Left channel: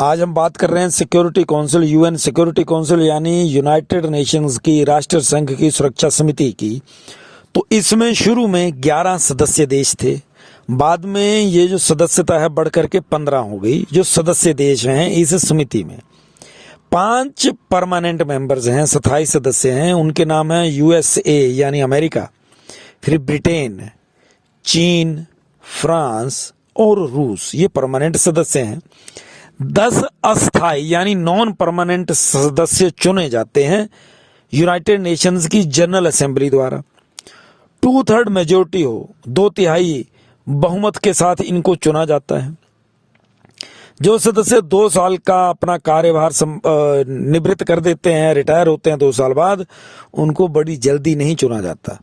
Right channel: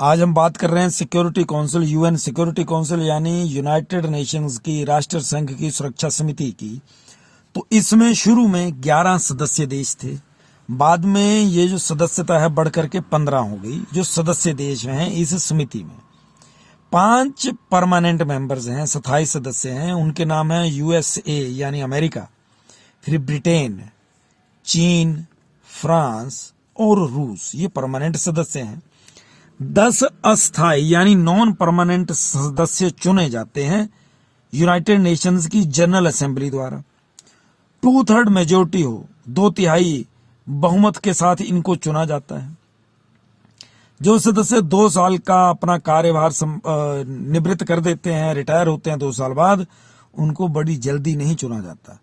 आज हम बात कर रहे हैं security council, UN security council यानी यूनाइटेड नेशंस की, राष्ट्र संघ की सुरक्षा समिति की। तो इसमें शुरू में 11 सदस्य देश थे। बाद में ये जो सदस्यता है बढ़कर के 15 हो गई। जो सदस्य देश हैं इस समिति में 5 परमानेंट मेंबर्स हैं, 27 सदस्य हैं। उनके नाम है यूएसए यानी अमेरिका, फिर ब्रिटेन, चीन, फ्रांस और रूस, ये परमानेंट सदस्य हैं। 10 अस्थायी यानी नॉन परमानेंट सदस्य चुने जाते हैं यूनाइटेड नेशंस की जनरल असेंबली द्वारा। 2/3 मेजोरिटी हो, 2/3 बहुमत के साथ इनको चुना जाता है। जो सदस्य 2 साल का अपना कार्यभार निवृत्त कर देते हैं, रिटायर होते हैं 2 साल बाद, उनको बड़ी जल्दी नहीं चुना जाता।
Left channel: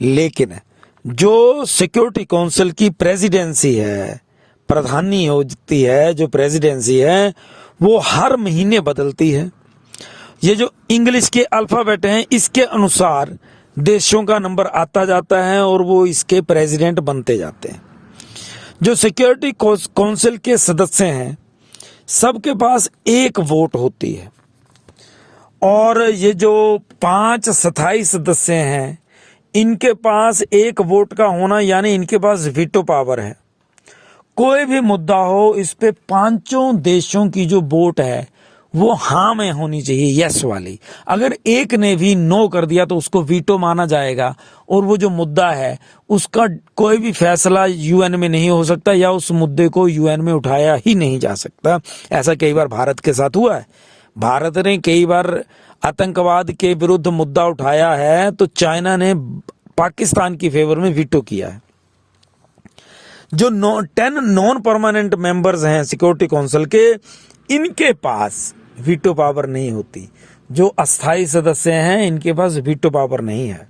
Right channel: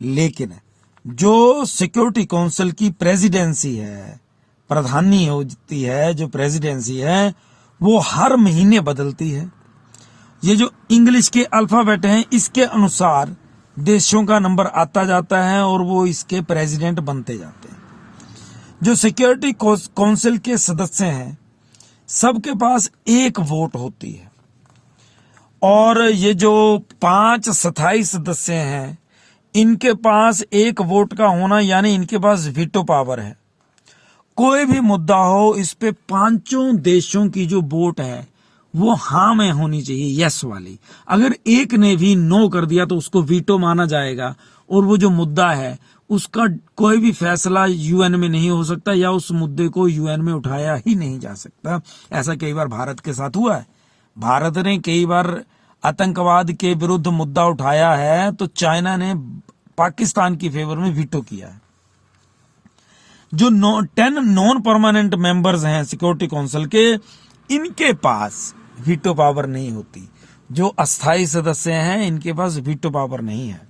लेकिन जो सिक्योरिटी काउंसिल की प्रेसिडेंसी है, प्रधानी होती है, जो प्रेसिडेंसी है वो हर महीने बदलती है। ये जो इंग्लिश के अल्फाबेट हैं इसके अनुसार देशों का नंबर आता जाता है और वो इसके प्रेसिडेंट बनते जाते हैं। जो सिक्योरिटी काउंसिल के सदस्य हैं सबके पास एक वोट होती है, और ये जो 5 स्थायी सदस्य हैं इनके पास एक वोट का होना यानी इनके पास वीटो पावर है। कोई भी मुद्दा हो, इस पे 5 देशों की जो वोट है वो हाँ में होनी चाहिए, यस वाली। अगर एक ने भी नो कर दिया तो उसको वीटो माना जाएगा और वो जो मुद्दा है उसका कोई भी फैसला यूएन में नहीं हो सकता, या उस मुद्दे को यूएन में उठाया ही नहीं जा सकता। ऐसा कई बार भारत के साथ हुआ है। भारत ने कई बार आतंकवाद के विरुद्ध मुद्दा उठाया है तो चाइना ने पाकिस्तान की फेवर में वीटो किया है। जो 10 नॉन परमानेंट मेंबर्स हैं सिक्योरिटी काउंसिल के, इनके पास वीटो पावर नहीं होती। जो अस्थायी सदस्य हैं इनके पास वीटो पावर नहीं है।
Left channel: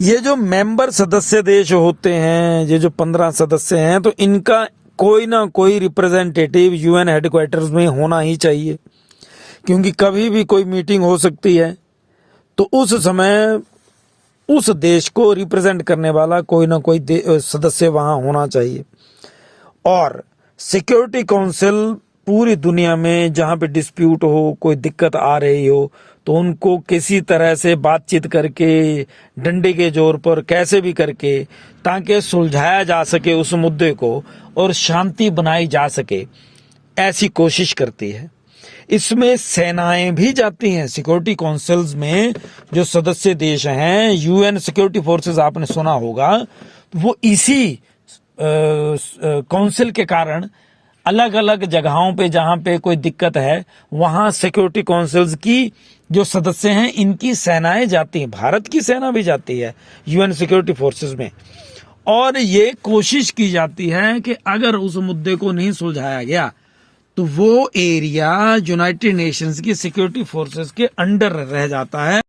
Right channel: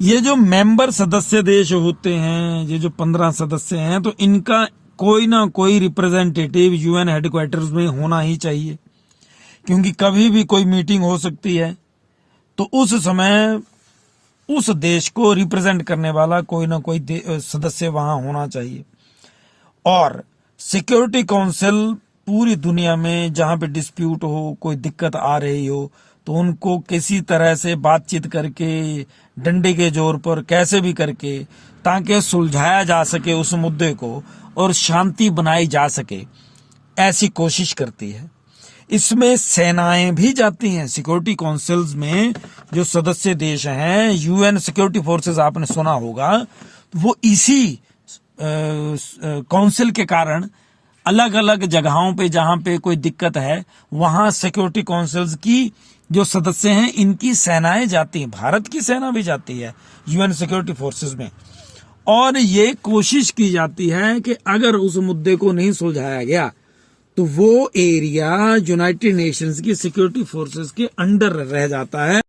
ये जो मेंबर सदस्य देश होते हैं, ये जो 15 सदस्य हैं, तो इनका कोई ना कोई रिप्रेजेंटेटिव यूएन हेडक्वार्टर्स में होना ही चाहिए, क्योंकि कभी भी कोई मीटिंग हो सकती है। तो उस समय उस देश को रिप्रेजेंट करने वाला कोई ना कोई सदस्य वहां होना चाहिए। और सिक्योरिटी काउंसिल पूरी दुनिया में जहां पे डिस्प्यूट हो, कोई दिक्कत आ रही हो, तो उनको किसी तरह से बातचीत करके, डंडे के जोर पर कैसे भी करके, ताकि सुलझाया जा सके उस मुद्दे को और शांति बनाई जा सके, ऐसी कोशिश करती है। इसमें सेनाएं भी जाती हैं। सिक्योरिटी काउंसिल्स में जो सदस्य देश हैं, यूएन सिक्योरिटी फोर्सेस आपने सुना होगा, वो इसी काउंसिल के कारण अलग अलग जगहों पे जहां पे कोई दिक्कत है वहां सिक्योरिटी काउंसिल्स की जो सदस्य हैं इनकी सेनाएं जाती हैं। भारत की सेना भी जाती है यूएन सिक्योरिटी फोर्सेस में, और ये कोशिश की जाती है कि अगर उस मुद्दे को नहीं सुलझाया गया तो वो एरिया यूनाइटेड नेशंस की सिक्योरिटी फोर्सेस के अंडर रह जाता है।